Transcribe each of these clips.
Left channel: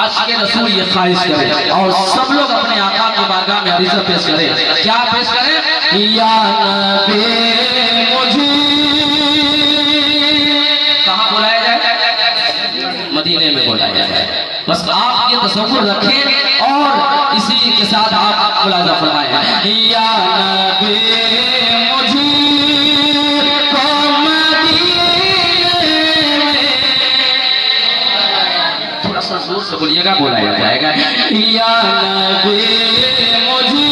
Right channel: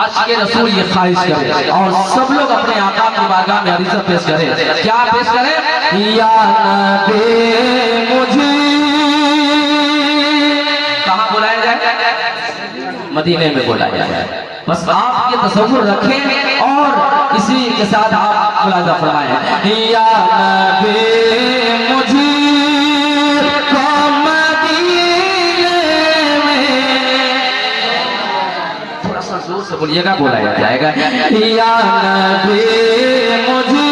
आशिक़े रसूल ये ख्वाहिश करे और सब लोग अपने आका की बारगाह में अरीज़ा पेश करें। क्या पेश करें? या नबी मुझे कहाँ बुलाया जाए? मदीने में बुलाया जाए। बस आप ये तसव्वुर रखें और इसी के साथ आप मुलाज़ा फरमाएं। या नबी मुझे थोड़ा सा जोर से बोलिएगा, बुलाया जाएगा। या नबी मुझे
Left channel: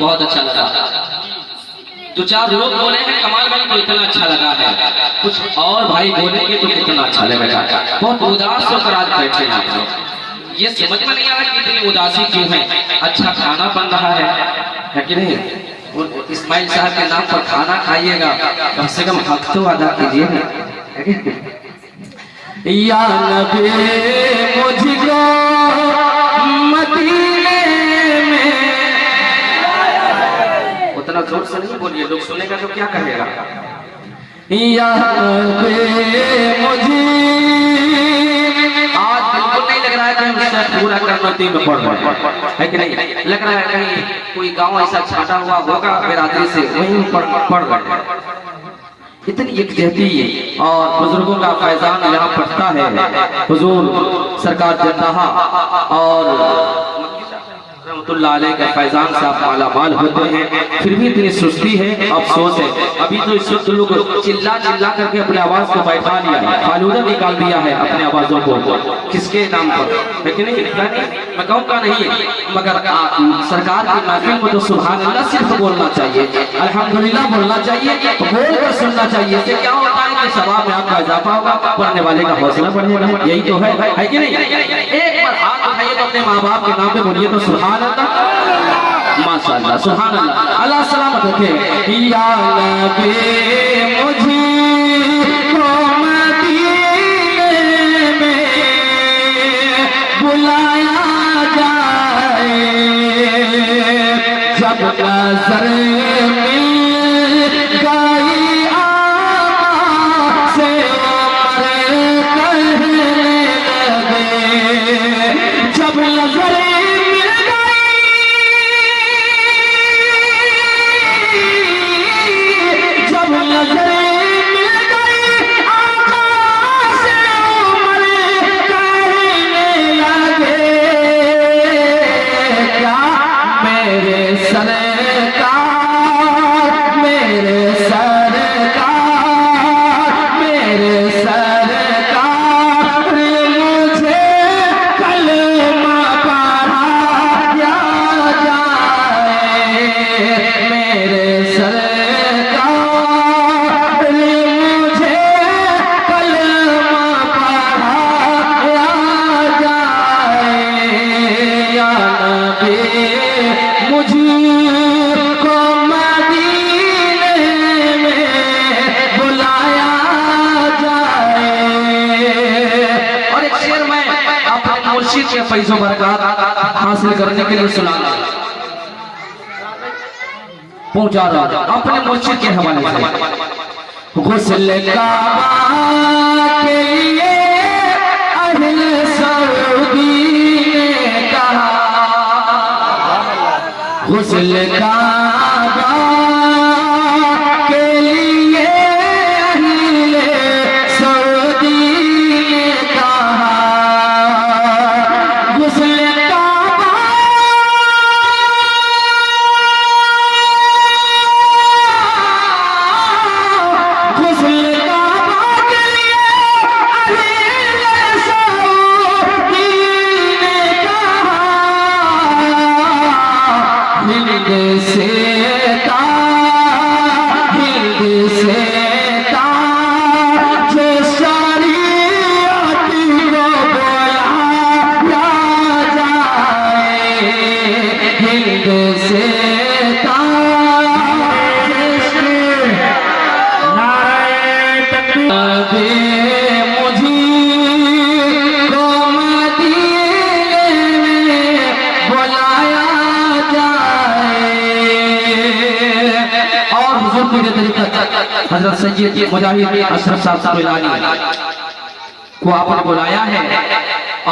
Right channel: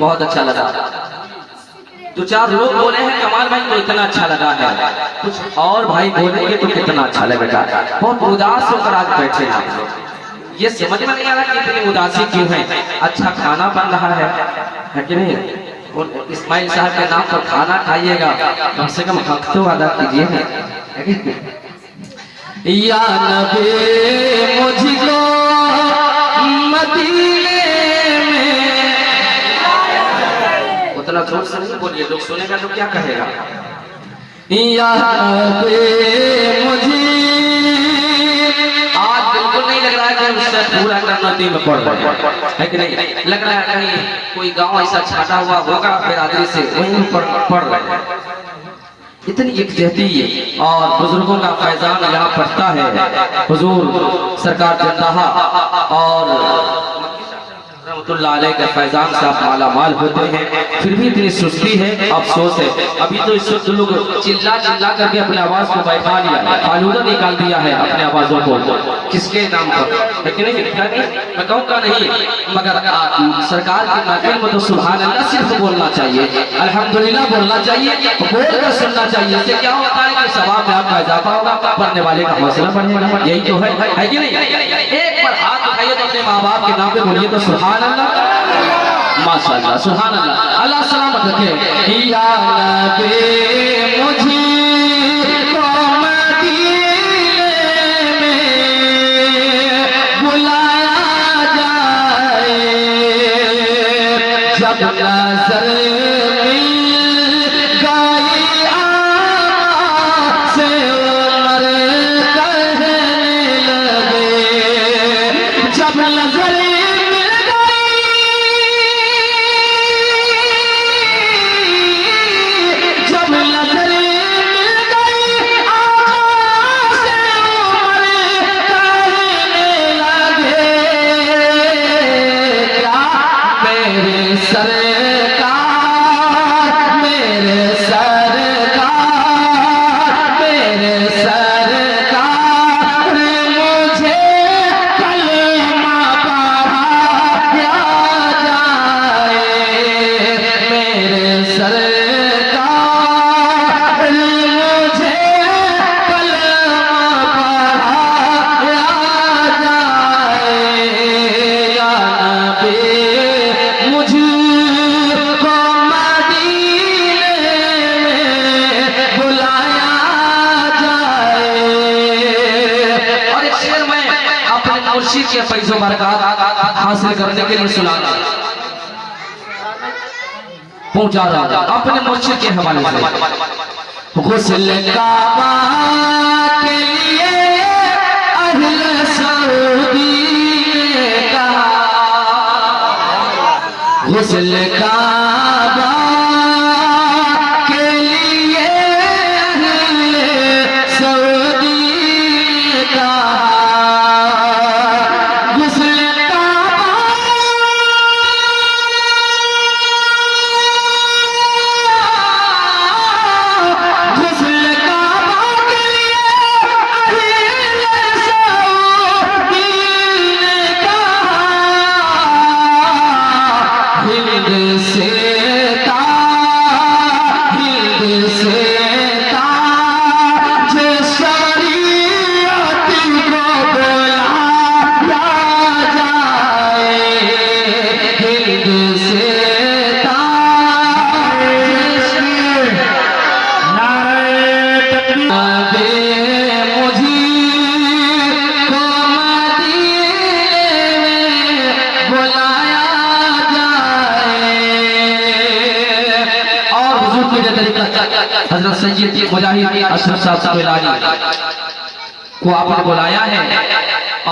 बहुत अच्छा लगा। दो चार लोग बोले हैं कमाल भाई को इतना अच्छा लगा है, कुछ और भाई बोलेंगे तो कितना अच्छा लगेगा। बहुत उदास होकर आज बैठे हैं आप लोग, ये समझ में नहीं आ रहा कि इतनी उदासी क्यों है। अच्छा खाना बन रहा है कि नहीं? और इस्माइल साहब के नाम पर खाना खाइएगा, कम से कम हक तो अदा कीजिए। या नबी मुझको मदीने में, उतना जोर से नहीं बोलिए, लोग सुनेगा तो क्या कहेगा। या नबी मुझे आज बिल्कुल नहीं लग रहा है कि हम इसे पूरा करनौती में पढ़ रहे हैं कि नहीं? लग रहा है कहीं कोई गांव ऐसा छाटा हुआ होगा बिरादरी से, वहीं पढ़ रहे हैं। इतनी यकजहती और बुजुर्गों का फैजान यहाँ पड़ता है। हुजूर सरकार जन्नहा और रहमतुल्लाह अलैह के फैजान से आप माला माल होते हैं, फिर भी इतनी सुस्ती है, अफसोस है। अभी तो इस वक्त लोग चिल्ला चिल्ला करके अपनी आवाज को बैठा लिया है, फालूदा निकाल दिया है अपने आवाजों को, किसके नाम पर? लेकिन मैं कहूँगा नहीं, मगर सरकार की महफिल में तो सुभान अल्लाह सिर्फ बोलना चाहिए, अल्हम्दुलिल्लाह बोलना चाहिए, बोल कर सुनना चाहिए। इससे क्या होता है कि सवाब में आपका इजाफा होगा, पढ़ने वाले का हौसला बढ़ेगा। यही तो है कि नहीं? एक बार हाथ उठाइए तो अपने माँ बाप के नाम पे बोलिए तो सुभान अल्लाह, माशाअल्लाह, सुभान अल्लाह, अल्लाह सलामत रखे। या नबी मुझे सरकार लेकिन सुना पहुंचा रहा अपने मुर्शिद के हवाले से। गुस्ल काबा के लिए अहले सऊदी ने कहा, गुस्ल काबा के लिए अहले सऊदी ने कहा, गुस्ल हिंद से ताज शरीयत को बुलाया जाए, हिंद से हजरत सैयद मुजाहिद अशरफ साहब साहिलानी को आपने बुलाया है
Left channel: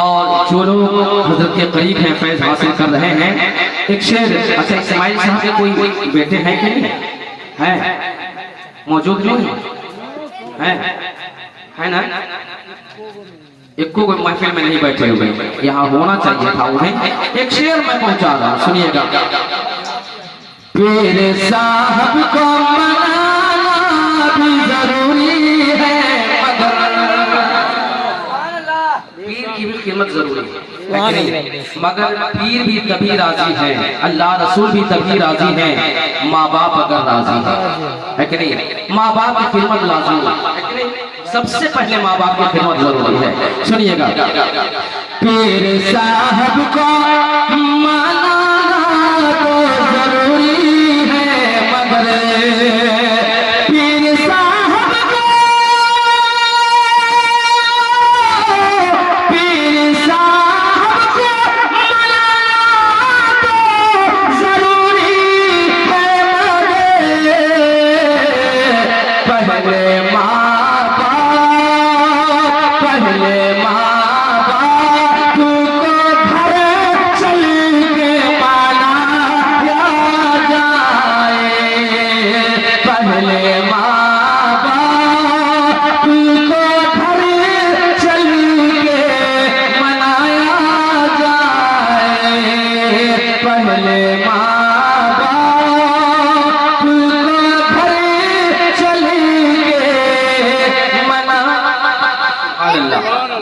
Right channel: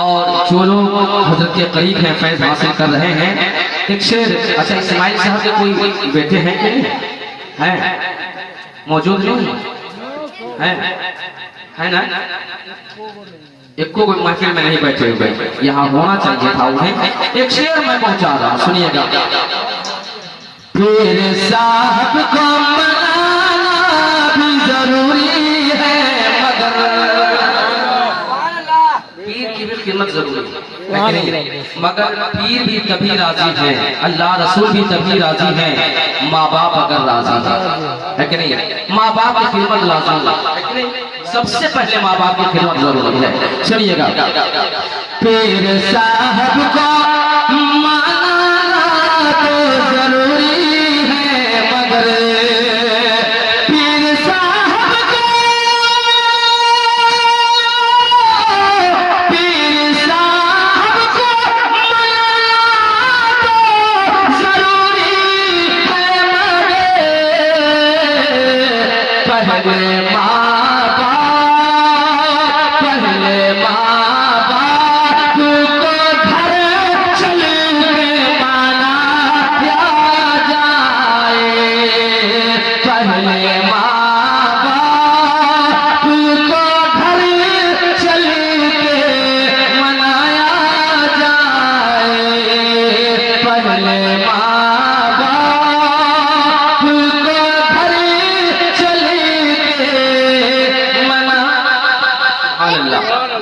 और जो लोग हजरत के करीब हैं फैज हासिल कर रहे हैं एक शेर। अच्छा इस्माइल साहब के कोई बेटे हैं कि नहीं हैं? मौजूद नहीं है ना? एक को महफिल में नहीं बैठे हुए, यहाँ होना चाहिए था उन्हें। एक शेर मैं पहुंचा रहा, सुनिएगा। पीर साहब को मनाना भी जरूरी है, पीर की भी खिदमत जरूरी है, मगर पीर भी तभी राजी है, अल्लाह रसूल भी तभी राजी है, माँ बाप अगर राजी है कि नहीं? माँ बाप की खिदमत लाजमी है कि नहीं? सबसे पहले माँ बाप की खिदमत जरूरी है। सुनिएगा। पीर साहब को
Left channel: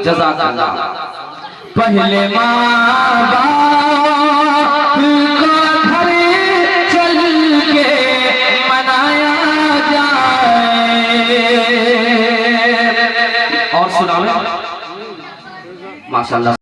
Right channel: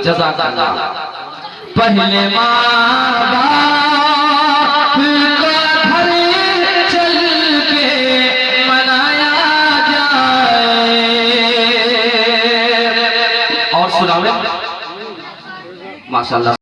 जज़ाकल्लाह। पहले माँ बाप को घर चल के मनाया जाए। और सुनाओ माशाअल्लाह।